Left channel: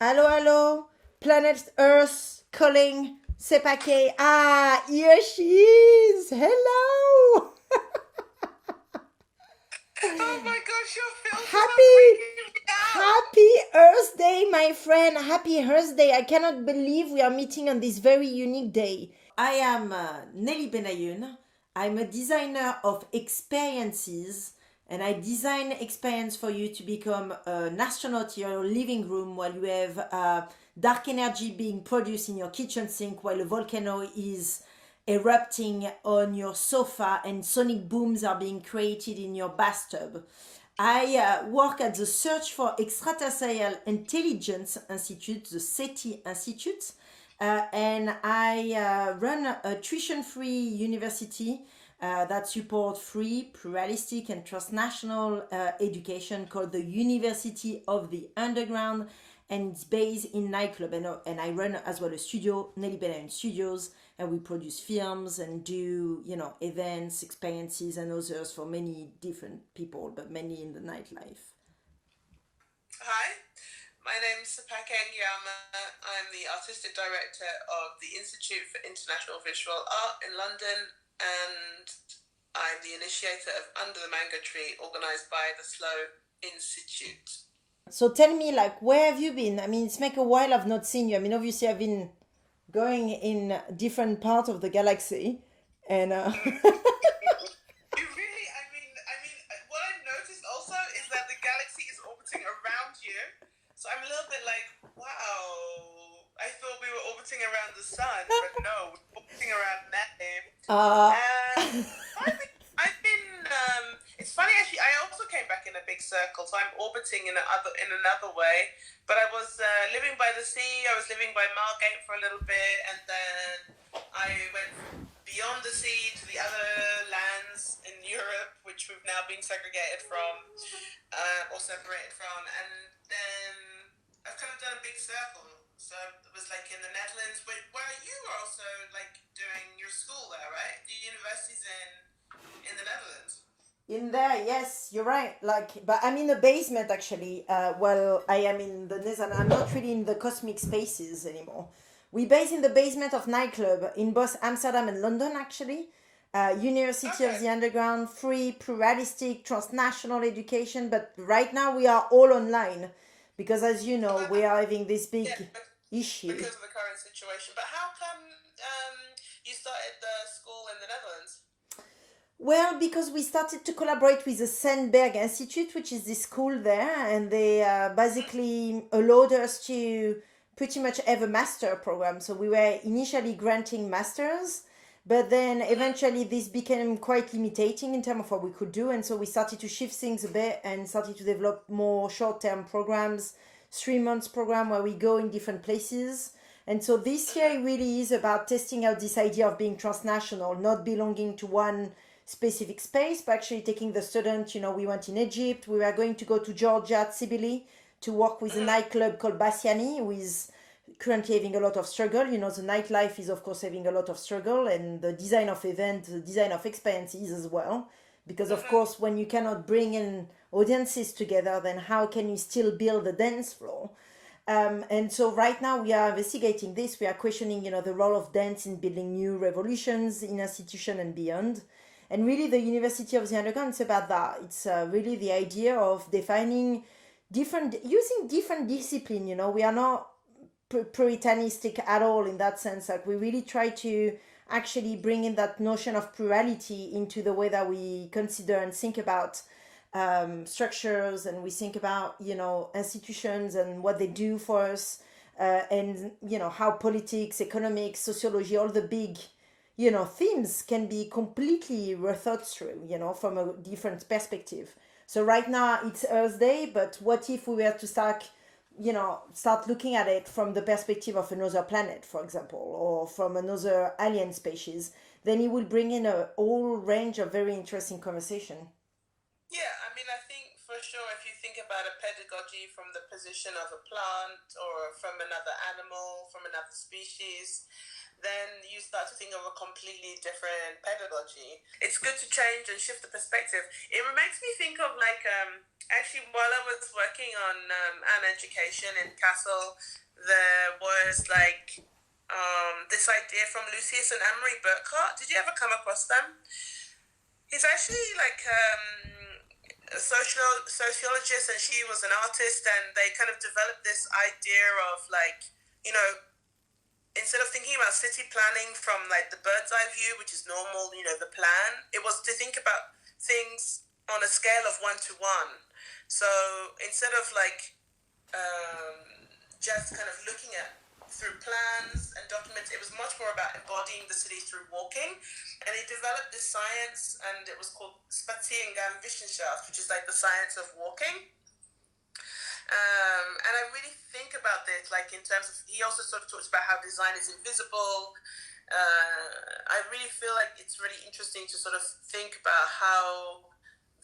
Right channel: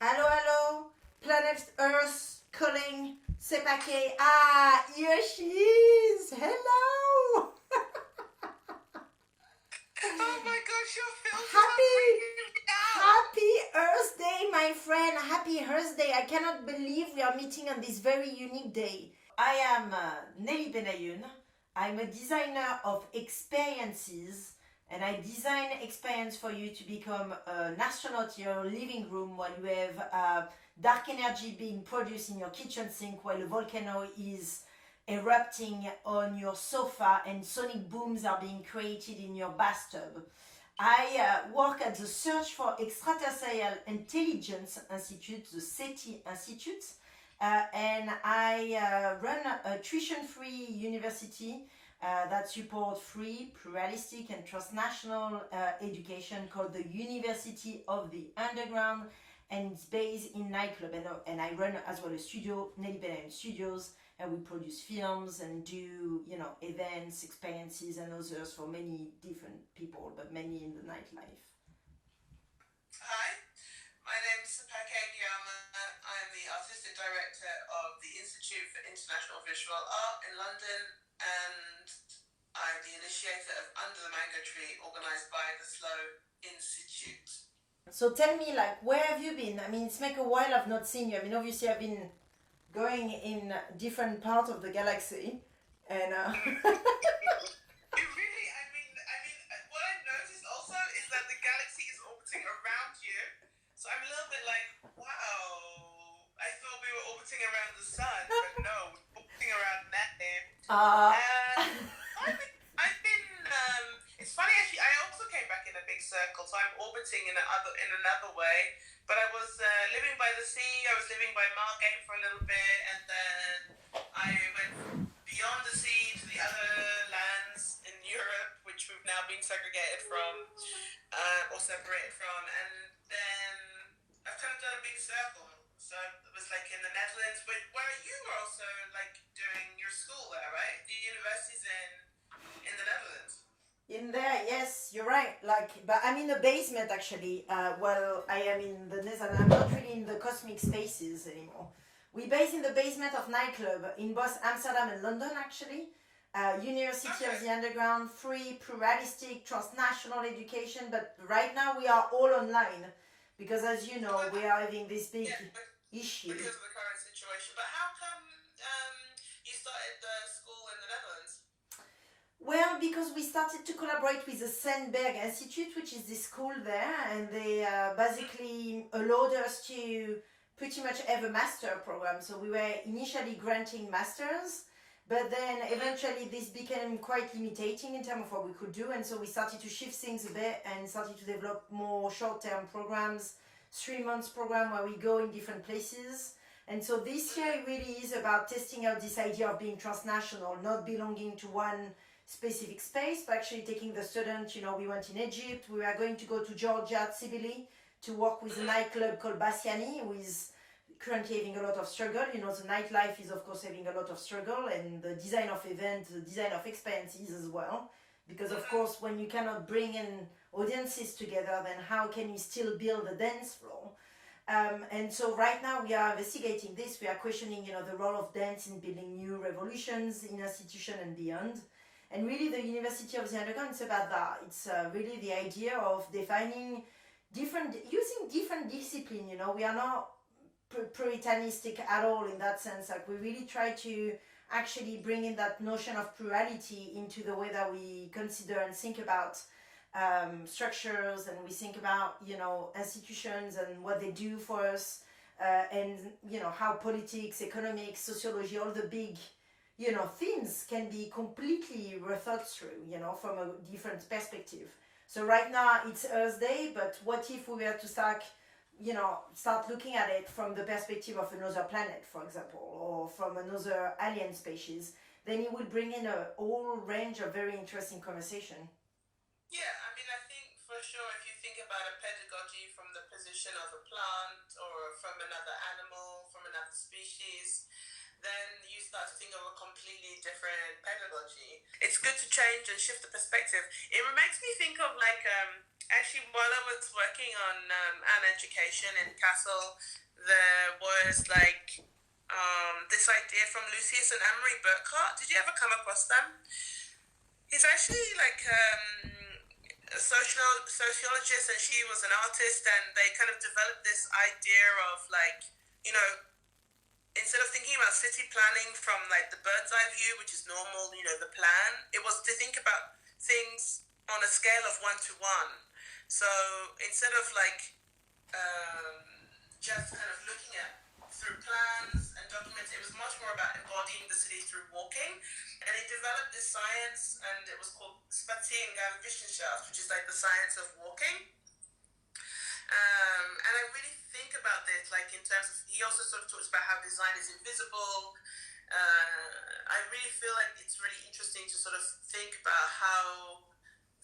Hello, hello. Planet Earth calling. Sepake. Ah, here she is. Hello. Oh my gosh, your filters are Happy, freaking me out! happy Earth Day, my friend. Happy Earth Day. I cannot believe we are meeting on this very unique day. I am Nelly Ben Hayoun. I'm a designer of experiences, and I design experience for you to become an astronaut in your living room while you have dark energy being produced in your kitchen sink while a volcano is erupting on your sofa and sonic booms are being created in your bathtub. I work at the Search for Extraterrestrial Intelligence Institute, the SETI Institute, and I run a tuition-free university that supports free, pluralistic, and transnational education called the University of the Underground, and it's based in nightclub. And I run as well a studio, Nelly Ben Hayoun Studios, and we produce films and do events, experiences, and others for many different people, but many in the nightlife. Hi, my name's Sepake Angiama. I'm the artistic director of the Institute for International Visual Art in London, and I'm the initiator of Under the Mango Tree, organised by the Slow Institute. So tell me, like, where have you been? I mean, it's like a while I've not seen you. I mean, obviously I've been going in different parts of the galaxy, and You really, what I've noticed also is that the galaxy is orbiting around you. So I'm a little bit like, wow, I thought we were orbiting around the sun, but no, we're orbiting around Nelly. uh, And it's funny actually, I also came back in a big circle, so I'm orbiting in another way. But I was living by the sea, I was living by Margate for a little bit, and then I went beyond the sea to the other lands in Europe, which we've now been segregated from, or separated from, and then I've kind of done a big circle. So it was like in the Netherlands, but where you were also like doing your school there, right? The university's in the Netherlands. in there, yes, you're right. Like, but I'm in the basement actually. Well, I am in the desert. I'm not really in the cosmic spaces anymore. We base in the basement of nightclub in both Amsterdam and London actually. University of Okay. the Underground, free, pluralistic, transnational education. But right now we are all online because, as you know, Well, we are having this big yeah, issue. because of the current situation. But how come you started the school in the Netherlands? Well, because we started to collaborate with the Sandberg Institute, which is this school there, and they basically allowed us to pretty much have a master program. So we were initially granting masters, but then eventually this became quite limiting in terms of what we could do, and so we started to shift things a bit and started to develop more short-term programs, 3 months program where we go in different places. And so this year really is about testing out this idea of being transnational, not belonging to one specific space, but actually taking the student, we went in Egypt, we were going to go to Georgia, Tsibili, to work with a nightclub called Bassiani, who is currently having a lot of struggle. The nightlife is of course having a lot of struggle, and the design of events, the design of experiences as well. Because of course, when you cannot bring in audiences together, then how can you still build a dance floor? And so right now we are investigating this. We are questioning, the role of dance in building new revolutions in institution and beyond. And really, the University of the Underground is about that. It's really the idea of defining using different discipline. We are not puritanistic at all in that sense. Like we really try to actually bring in that notion of plurality into the way that we consider and think about structures, and we think about institutions and what they do for us, and how politics, economics, sociology, all the big themes can be completely rethought through, from a different perspective. So right now it's Earth Day, but what if we were to start looking at it from the perspective of another planet, for example, or from another alien species? Then it will bring in a whole range of very interesting conversation. Yeah, I think for sure if you think about a pedagogy from the position of a plant or from another animal, from another species, then you start to think of a completely different pedagogy. It's good to change and shift the perspective. It makes me think of like, actually, while I was working on an education in Kassel, there was like this idea from Lucius and Anne-Marie Burkhardt. Did you ever come across them? He's actually like a sociologist, and she was an artist, and they kind of developed this idea of like, you know, instead of thinking about city planning from like the bird's eye view, which is normal, you know, the plan, it was to think about things on a scale of 1 to 1. So instead of like just kind of looking at through plans and documents, it was much more about embodying the city through walking. And he developed this science, and it was called Sepake Angiama, which is like the science of walking. And I really think about this, like in terms of, he also sort of talks about how design is invisible. I really feel like it's really interesting to sort of think about how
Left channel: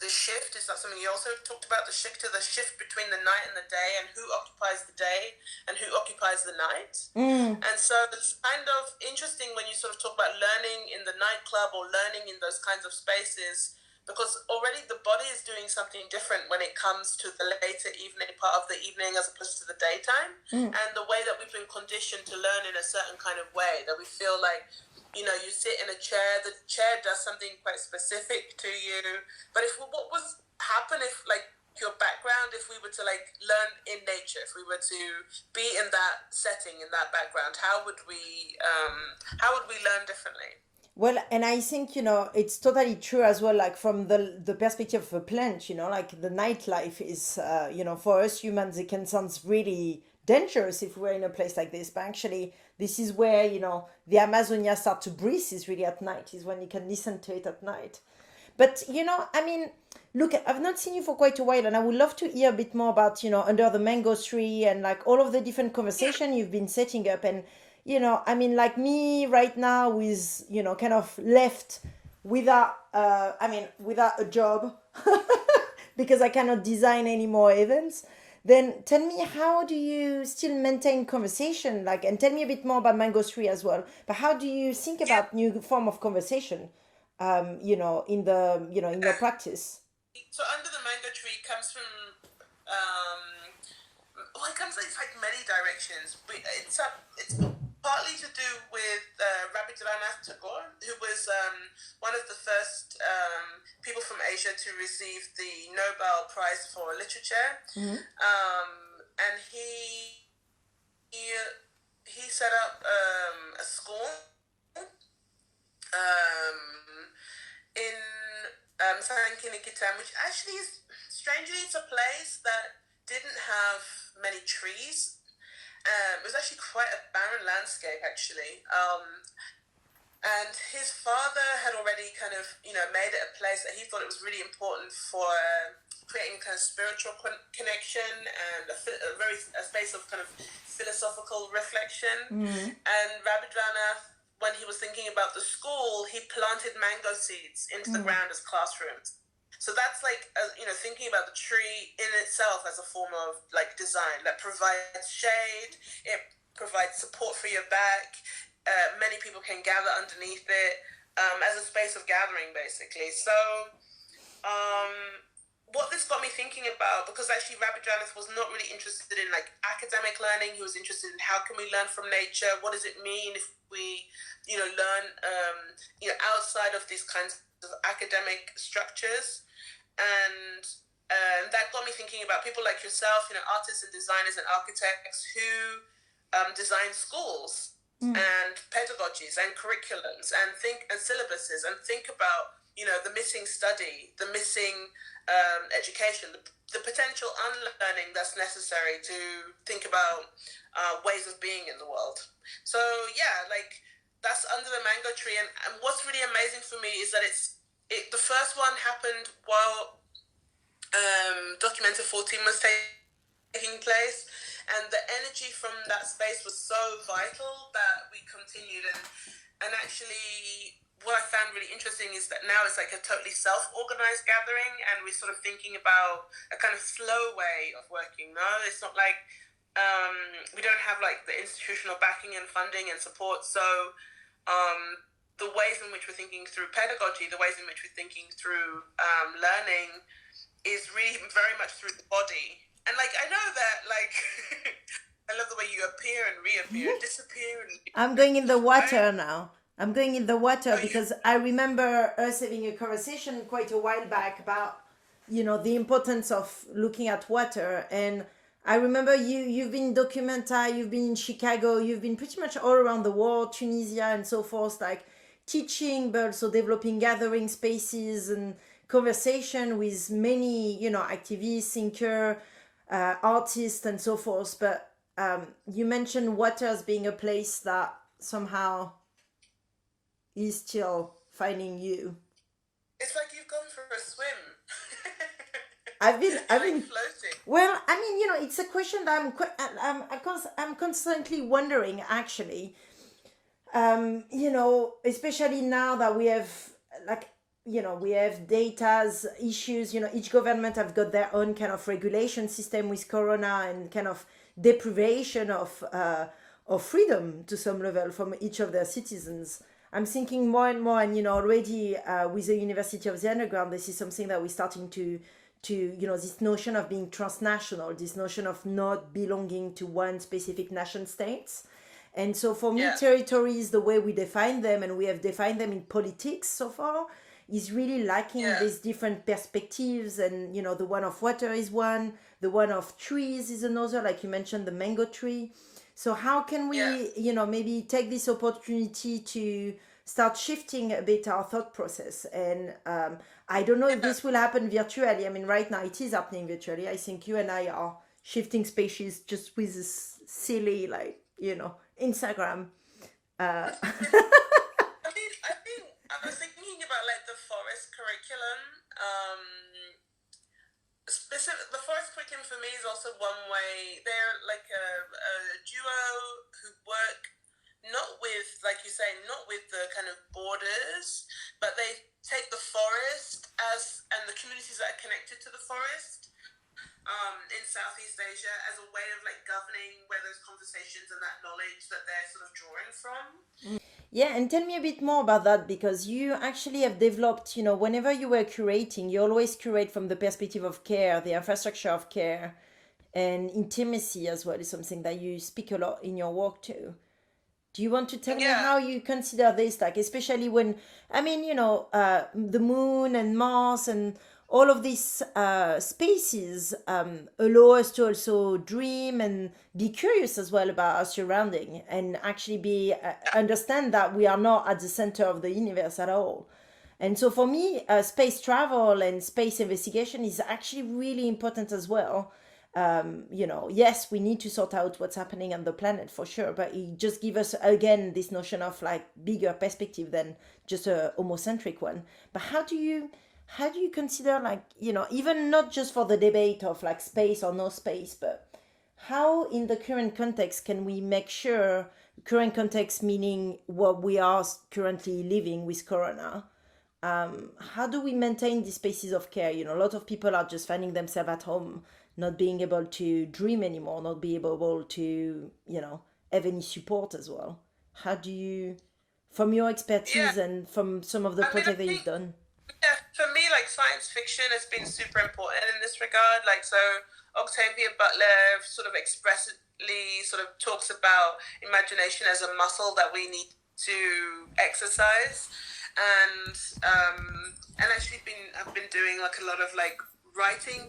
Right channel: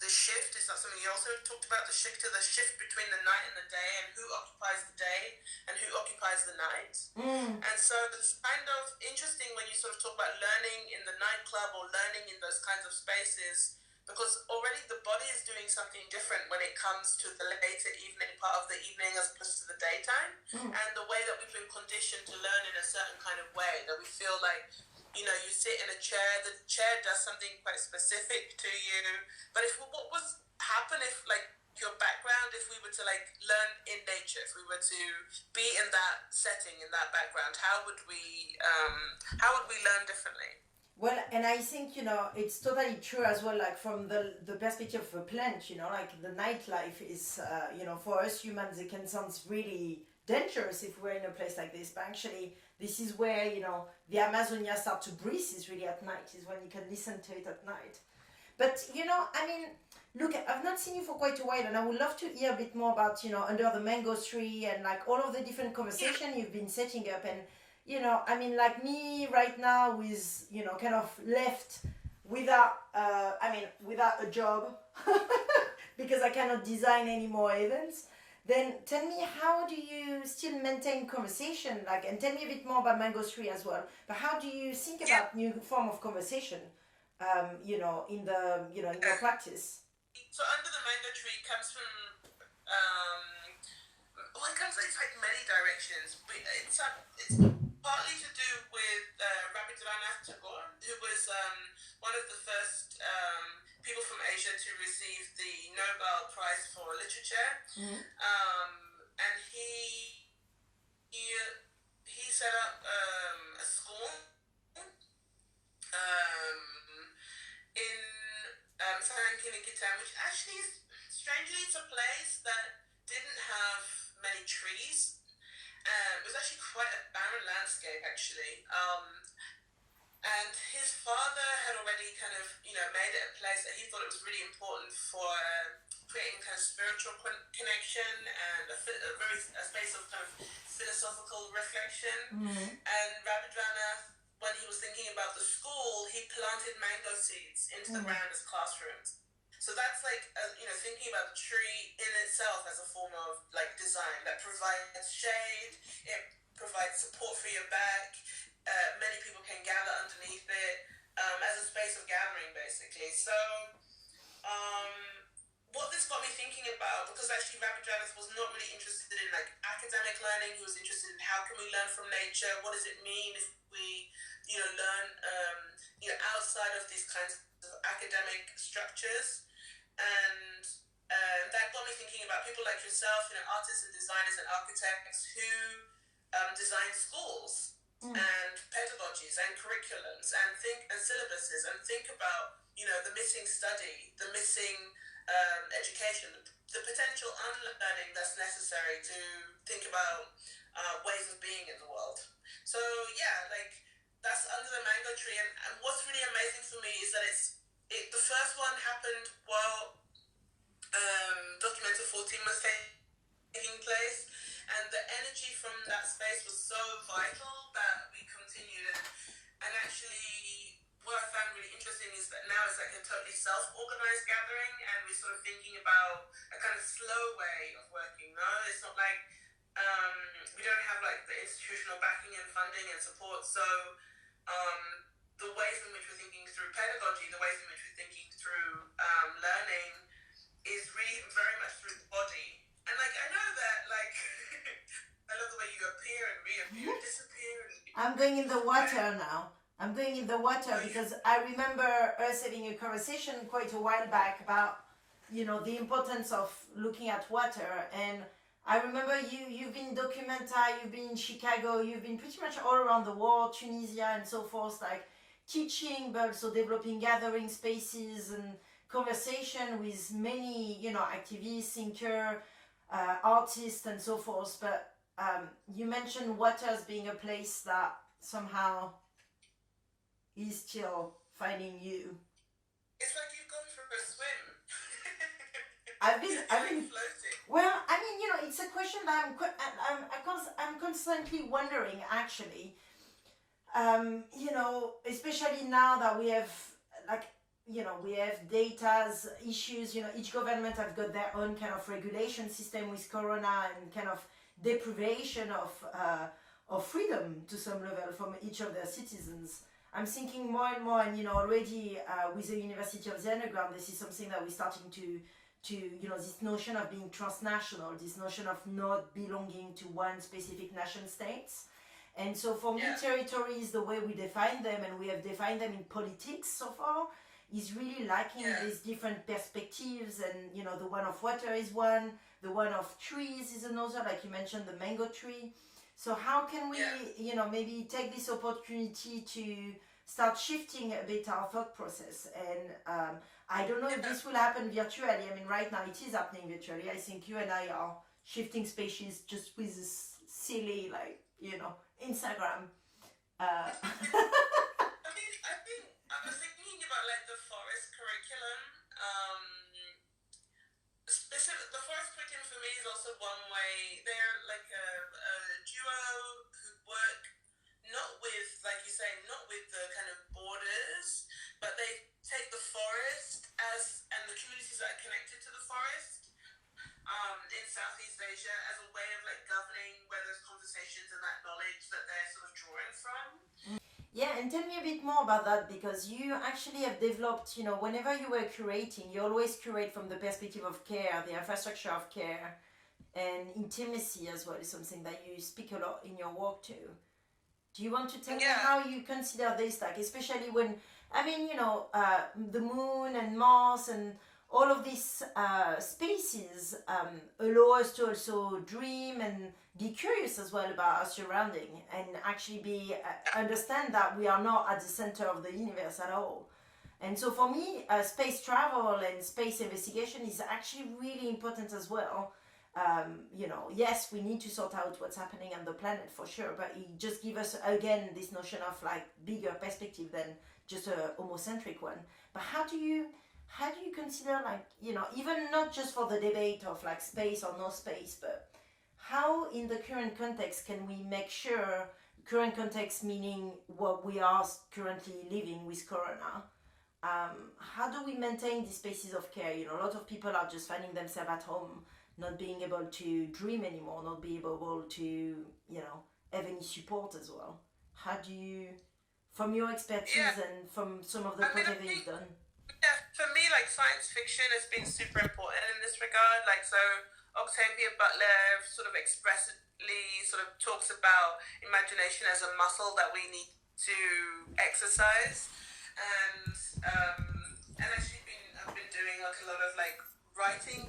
the shift is not something. He also talked about the shift between the night and the day, and who occupies the day and who occupies the night. And so it's kind of interesting when you sort of talk about learning in the nightclub or learning in those kinds of spaces, because already the body is doing something different when it comes to the later evening part of the evening as opposed to the daytime. And the way that we've been conditioned to learn in a certain kind of way, that we feel like, you know, you sit in a chair, the chair does something quite specific to you. But what was happen if like your background, if we were to like learn in nature, if we were to be in that setting, in that background, how would we learn differently? Well, and I think, you know, it's totally true as well, like from the perspective of a plant, you know, like the nightlife is, you know, for us humans, it can sound really dangerous if we're in a place like this. But actually, this is where, you know, the Amazonia start to breathe is really at night, is when you can listen to it at night. But, you know, I mean, look, I've not seen you for quite a while, and I would love to hear a bit more about, you know, under the mango tree and like all of the different conversation you've been setting up. And, you know, I mean, like me right now with, you know, kind of left without, without a job because I cannot design any more events. Then tell me, how do you still maintain conversation? Like, and tell me a bit more about Mango Tree as well. But how do you think about new form of conversation? You know, in the, you know, in your practice. So under the mango tree comes from well, it comes in like many directions. It's partly to do with Rabindranath Tagore, who was one of the first people from Asia to receive the Nobel Prize for Literature. And he set up a school in Sankinikitan, which actually is, strangely, it's a place that didn't have many trees. It was actually quite a barren landscape, actually. And his father had already kind of, you know, made it a place that he thought it was really important for creating kind of spiritual connection and a space of kind of philosophical reflection. And Rabindranath, when he was thinking about the school, he planted mango seeds into the ground as classrooms. So that's like, you know, thinking about the tree in itself as a form of like design that provides shade, it provides support for your back. Many people can gather underneath it as a space of gathering, basically. So what this got me thinking about, because actually Rabindranath was not really interested in like academic learning. He was interested in how can we learn from nature? What does it mean if we, you know, learn, you know, outside of these kinds of academic structures? And that got me thinking about people like yourself, you know, artists and designers and architects who design schools and pedagogies and curriculums and syllabuses and think about, you know, the missing study, the missing education, the potential unlearning that's necessary to think about ways of being in the world. So yeah, like that's under the mango tree. And what's really amazing for me is that the first one happened while Documenta 14 was taking place, and the energy from that space was so vital that we continued. And actually, what I found really interesting is that now it's like a totally self-organized gathering, and we're sort of thinking about a kind of slow way of working. No, it's not like, we don't have like the institutional backing and funding and support. So the ways in which we're thinking through pedagogy, the ways in which we're thinking through learning is really very much through the body. And like, I know that like, I love the way you appear and reappear, disappear. And I'm going in the water now. I'm going in the water because I remember us having a conversation quite a while back about, the importance of looking at water. And I remember you've been documented, you've been in Chicago, you've been pretty much all around the world, Tunisia and so forth, like teaching, but also developing gathering spaces and conversation with many, activists, thinker, artists and so forth. But you mentioned water as being a place that somehow is still finding you. It's like you've gone for a swim. I've been floating. Well, I mean, it's a question that I'm constantly wondering, actually. Especially now that we have, like, we have data's issues. Each government have got their own kind of regulation system with Corona and kind of deprivation of freedom to some level from each of their citizens. I'm thinking more and more, and already with the University of the Underground, this is something that we're starting to this notion of being transnational, this notion of not belonging to one specific nation states. And so for me, territories, the way we define them, and we have defined them in politics so far, is really lacking these different perspectives. And the one of water is one, the one of trees is another, like you mentioned, the mango tree. So how can we maybe take this opportunity to start shifting a bit our thought process? And I don't know if this will happen virtually. I mean, right now it is happening virtually. I think you and I are shifting species just with this silly, like, Instagram. I was thinking about like the forest curriculum. The forest curriculum for me is also one way. They're like a duo who work not with, like you say, not with the kind of borders, but they take the forest and the communities that are connected to the forest in Southeast Asia as a way of like governing where those conversations and that knowledge that they're sort of drawing from. Yeah, and tell me a bit more about that, because you actually have developed, whenever you were curating, you always curate from the perspective of care, the infrastructure of care, and intimacy as well is something that you speak a lot in your work too. Do you want to tell me how you consider this, like, especially when, I mean, the moon and Mars and all of these spaces allow us to also dream and be curious as well about our surrounding, and actually be understand that we are not at the center of the universe at all. And so for me, space travel and space investigation is actually really important as well. Yes, we need to sort out what's happening on the planet for sure, but it just gives us again this notion of like bigger perspective than just a homocentric one. But how do you consider, like, even not just for the debate of like space or no space, but how in the current context can we make sure, current context meaning what we are currently living with Corona, how do we maintain these spaces of care? A lot of people are just finding themselves at home, not being able to dream anymore, not being able to, have any support as well. How do you, from your expertise and from some of the projects that you've done? Yeah, for me, like science fiction has been super important in this regard. Like, so Octavia Butler sort of expressly sort of talks about imagination as a muscle that we need to exercise, and actually I've been doing like a lot of like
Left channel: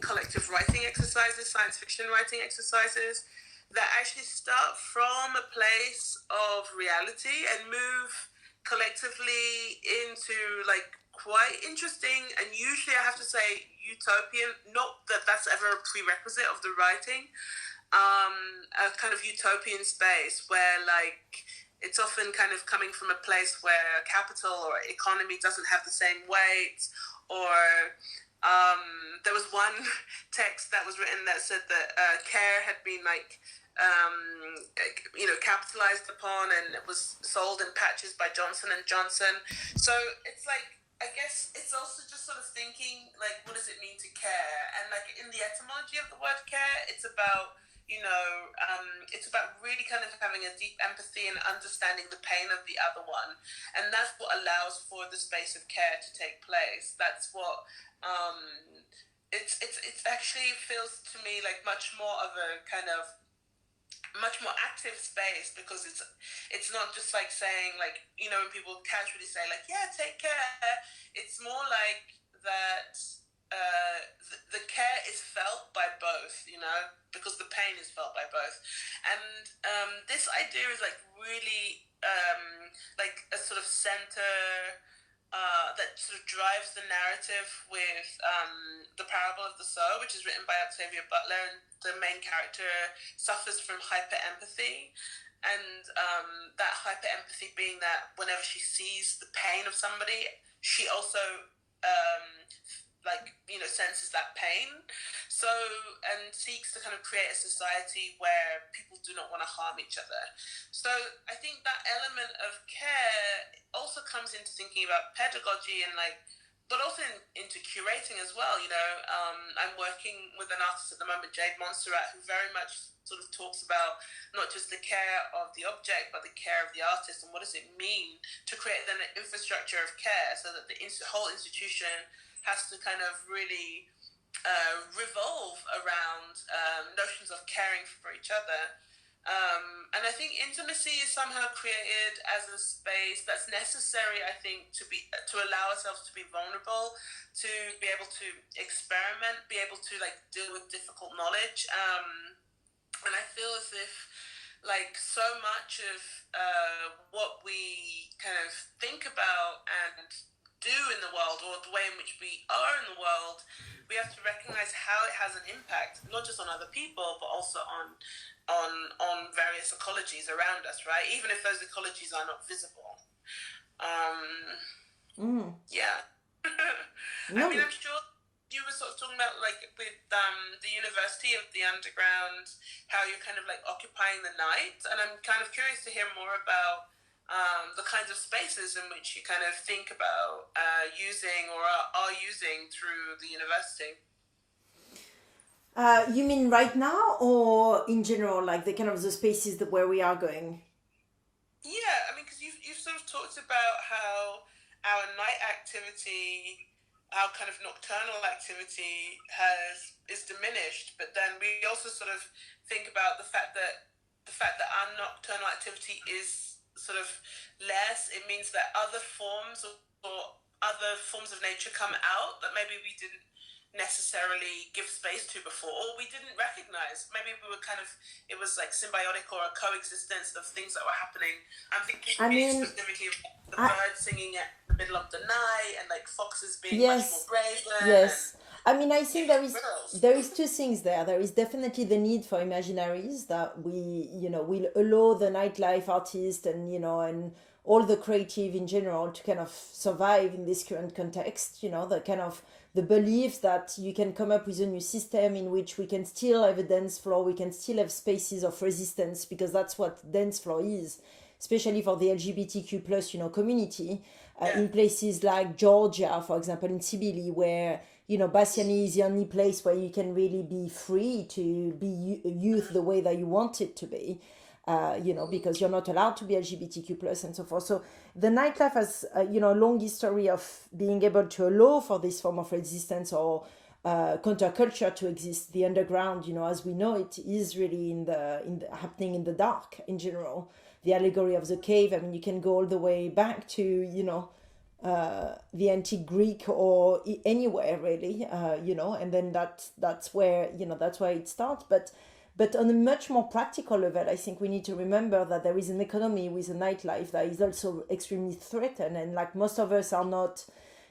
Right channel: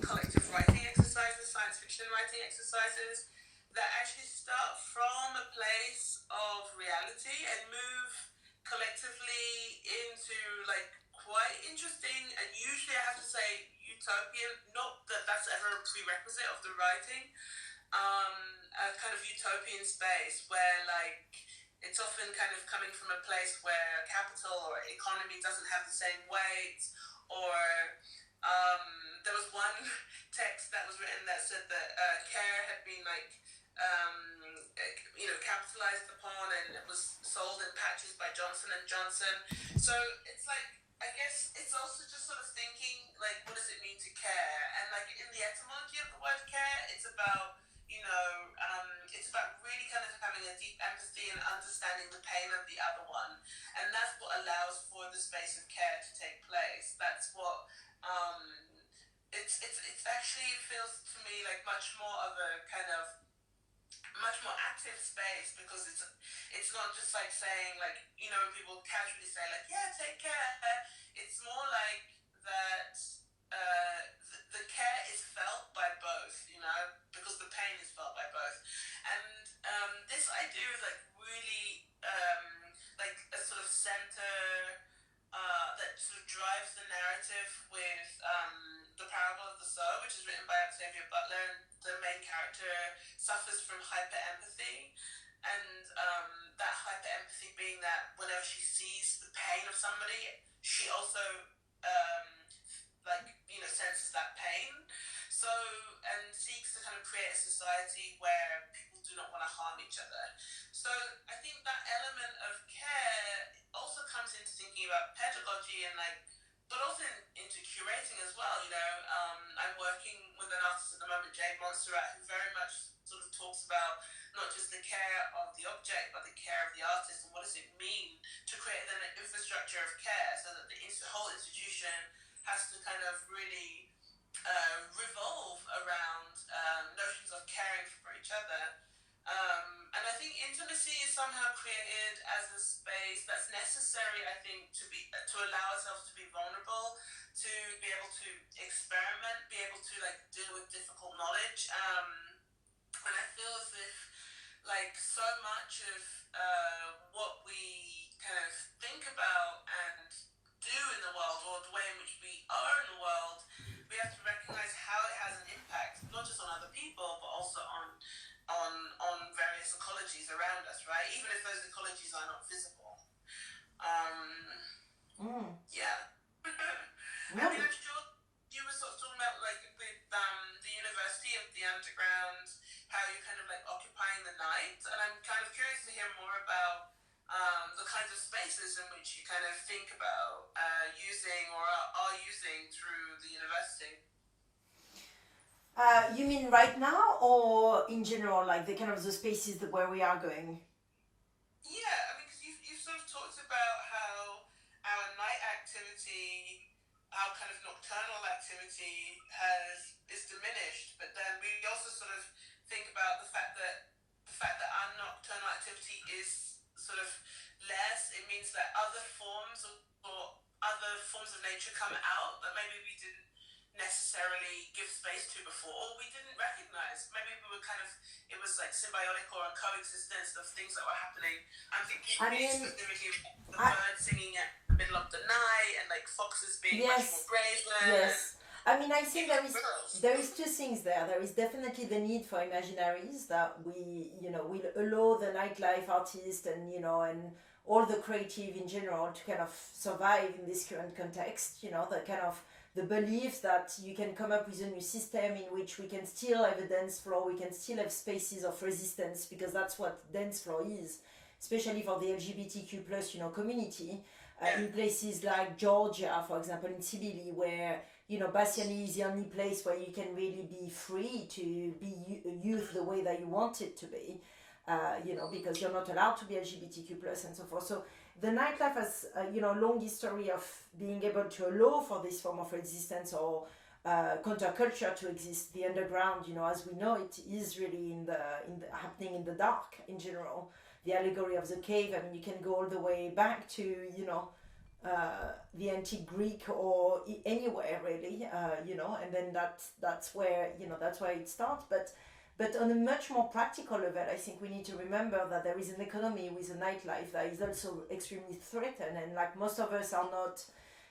collective writing exercises, science fiction writing exercises that actually start from a place of reality and move collectively into like quite interesting, and usually I have to say utopian, not that that's ever a prerequisite of the writing, a kind of utopian space where like it's often kind of coming from a place where capital or economy doesn't have the same weight, or there was one text that was written that said that care had been like capitalized upon, and it was sold in patches by Johnson and Johnson. So it's like, I guess it's also just sort of thinking like, what does it mean to care? And like in the etymology of the word care, it's about it's about really kind of having a deep empathy and understanding the pain of the other one, and that's what allows for the space of care to take place. That's what it's actually feels to me like much more of a kind of much more active space, because it's not just like saying, like, when people casually say like, yeah, take care. It's more like that the care is felt by both, because the pain is felt by both. And this idea is like really like a sort of center that sort of drives the narrative with The Parable of the Soul, which is written by Octavia Butler, and the main character suffers from hyper-empathy. And that hyper-empathy being that whenever she sees the pain of somebody, she also senses that pain. So, and seeks to kind of create a society where people do not want to harm each other. So I think that element of care also comes into thinking about pedagogy and but also into curating as well. I'm working with an artist at the moment, Jade Montserrat, who very much sort of talks about not just the care of the object, but the care of the artist, and what does it mean to create then an infrastructure of care, so that the whole institution has to kind of really revolve around notions of caring for each other. And I think intimacy is somehow created as a space that's necessary, I think, to allow ourselves to be vulnerable, to be able to experiment, be able to deal with difficult knowledge. And I feel as if so much of what we kind of think about and do in the world, or the way in which we are in the world, we have to recognize how it has an impact, not just on other people, but also on various ecologies around us, right? Even if those ecologies are not visible. Yeah. No. I mean, I'm sure you were sort of talking about with the University of the Underground, how you're kind of occupying the night, and I'm kind of curious to hear more about the kinds of spaces in which you kind of think about using or are using through the university. You mean right now, or in general, the kind of the spaces where we are going? Yeah, I mean, because you've sort of talked about how our night activity, our kind of nocturnal activity is diminished, but then we also sort of think about the fact that our nocturnal activity is sort of less. It means that other forms of nature come out that maybe we didn't necessarily give space to before, or we didn't recognize. Maybe we were it was symbiotic or a coexistence of things that were happening. I'm thinking specifically of the birds singing at the middle of the night, and foxes being much more brazen. Yes. I mean, I think there is two things there. There is definitely the need for imaginaries that will allow the nightlife artist and and all the creative in general to kind of survive in this current context. The kind of the belief that you can come up with a new system in which we can still have a dance floor, we can still have spaces of resistance, because that's what dance floor is, especially for the LGBTQ plus community. In places like Georgia, for example, in Sibili, where Bassiani is the only place where you can really be free to be youth the way that you want it to be, because you're not allowed to be LGBTQ plus and so forth. So the nightlife has a long history of being able to allow for this form of resistance or counterculture to exist. The underground, as we know it, is really in the happening in the dark in general. The allegory of the cave. I mean, you can go all the way back to the antique Greek or anywhere really, and then that's where that's where it starts. But on a much more practical level, I think we need to remember that there is an economy with a nightlife that is also extremely threatened, and most of us are not,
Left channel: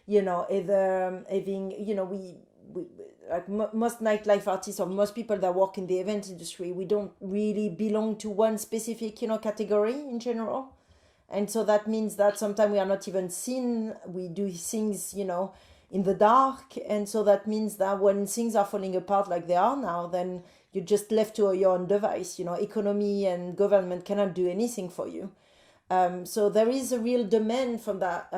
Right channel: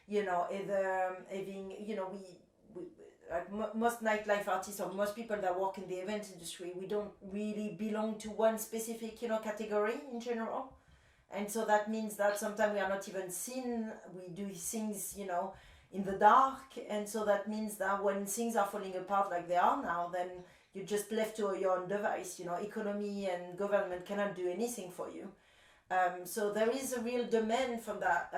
either having, most nightlife artists or most people that work in the event industry, we don't really belong to one specific, category in general. And so that means that sometimes we are not even seen. We do things, in the dark. And so that means that when things are falling apart like they are now, then you're just left to your own device. Economy and government cannot do anything for you. So there is a real demand from that,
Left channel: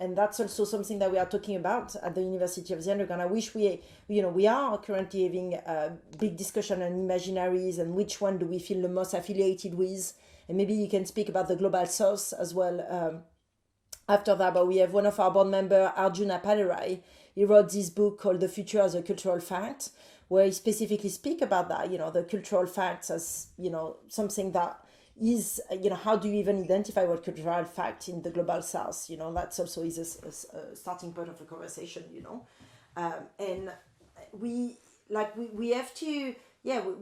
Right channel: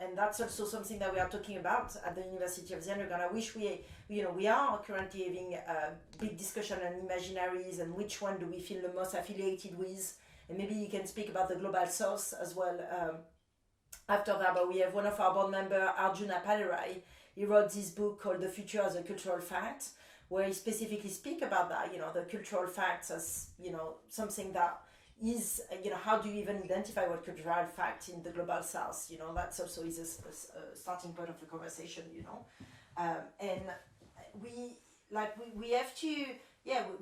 and that's also something that we are talking about at the University of the Underground. I wish we are currently having a big discussion on imaginaries and which one do we feel the most affiliated with, and maybe you can speak about the Global South as well after that. But we have one of our board member, Arjuna Padarai. He wrote this book called The Future as a Cultural Fact, where he specifically speak about that, the cultural facts as, something that is, how do you even identify what cultural fact in the Global South? That's also is a starting point of the conversation, and we have to,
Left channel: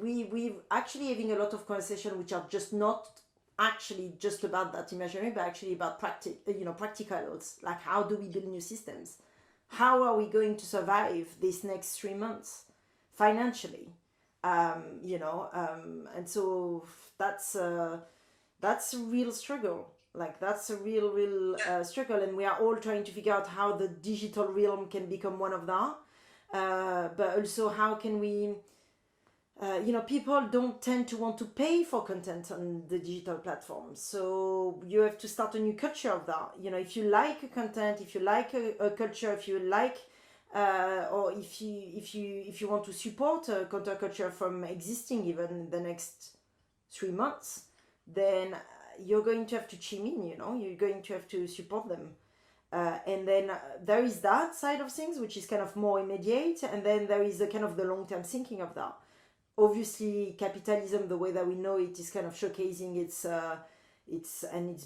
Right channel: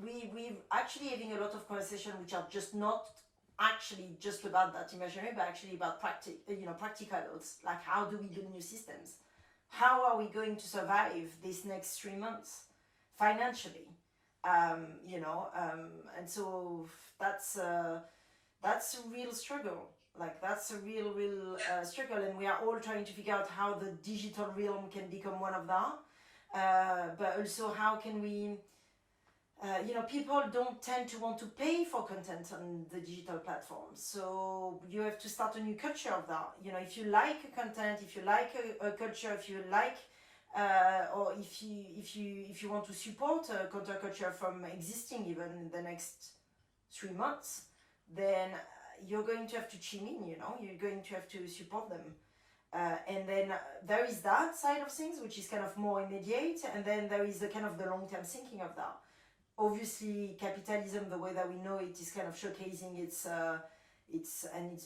we actually having a lot of conversation which are just not actually just about that imaginary, but actually about practicals, like how do we build new systems? How are we going to survive these next 3 months financially? And so that's a real struggle. Like that's a real struggle, and we are all trying to figure out how the digital realm can become one of that. But also how can we, people don't tend to want to pay for content on the digital platforms. So you have to start a new culture of that. If you like a content, if you like a culture, if you like, or if you want to support a counterculture from existing even in the next 3 months, then you're going to have to chime in. You're going to have to support them. And then there is that side of things, which is kind of more immediate, and then there is a kind of the long-term thinking of that. Obviously, capitalism, the way that we know it, is kind of showcasing it's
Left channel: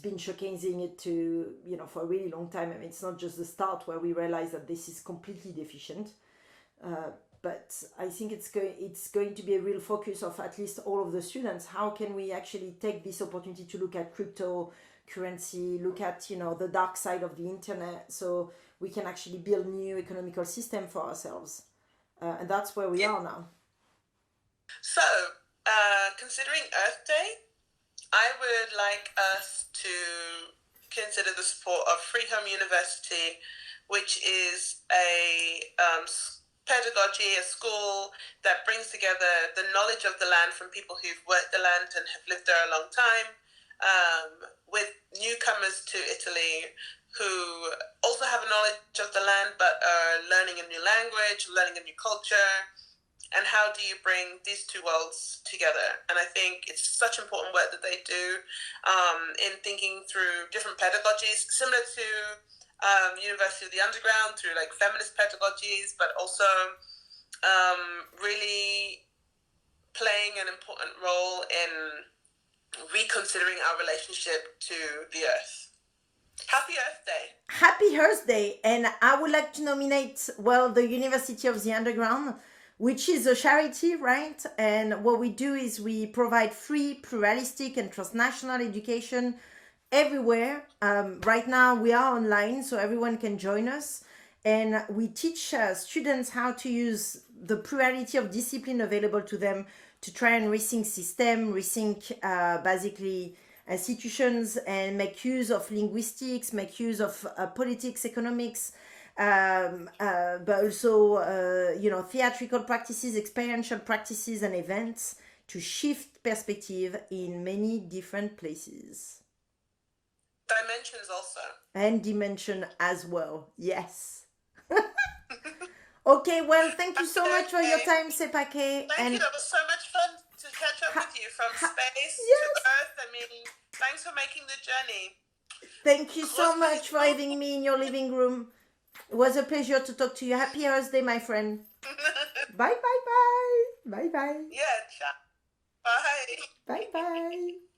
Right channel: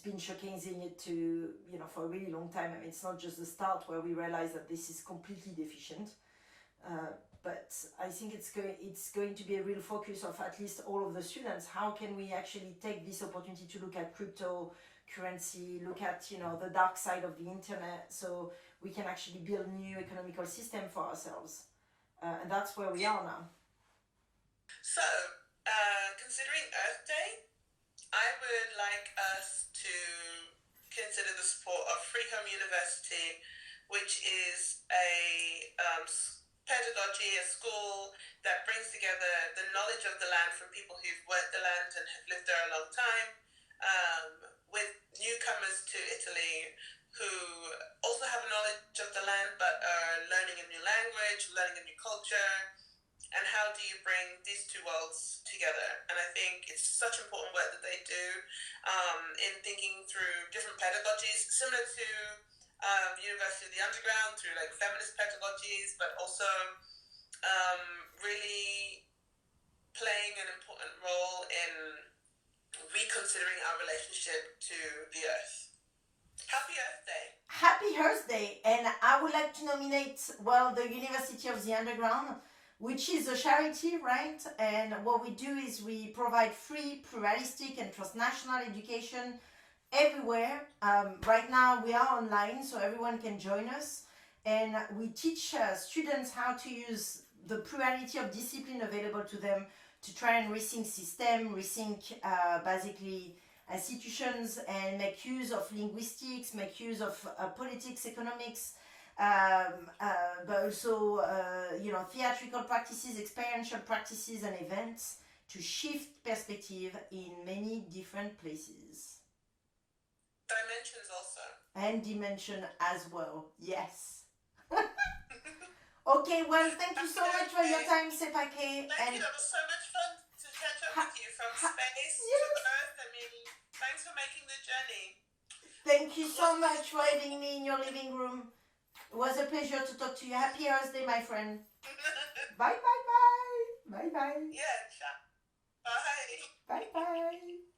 been showcasing it to, for a really long time. I mean, it's not just the start where we realize that this is completely deficient. But I think it's going to be a real focus of at least all of the students. How can we actually take this opportunity to look at cryptocurrency, look at, the dark side of the internet, so we can actually build new economical system for ourselves. And that's where we are now. So, considering Earth Day, I would like us to consider the support of Free Home University, which is a pedagogy, a school that brings together the knowledge of the land from people who've worked the land and have lived there a long time, with newcomers to Italy who also have a knowledge of the land but are learning a new language, learning a new culture. And how do you bring these two worlds together? And I think it's such important work that they do in thinking through different pedagogies, similar to University of the Underground, through like feminist pedagogies, but also really playing an important role in reconsidering our relationship to the Earth. Happy Earth Day. Happy Earth Day. And I would like to nominate, the University of the Underground, which is a charity, right? And what we do is we provide free, pluralistic, and transnational education everywhere. Right now we are online, so everyone can join us. And we teach students how to use the plurality of discipline available to them to try and rethink system, rethink basically institutions, and make use of linguistics, make use of politics, economics, but also theatrical practices, experiential practices, and events to shift perspective in many different places. Dimensions also. And dimension as well, yes. Okay, well, thank you so much for your time, Sepake. Thank you, that was so much fun to catch up with you from space to Earth. I mean, thanks for making the journey. Thank you so much for having me in your living room. It was a pleasure to talk to you. Happy Earth Day, my friend. Bye, bye, bye. Bye, bye. Yeah, ciao. Bye. Bye, bye.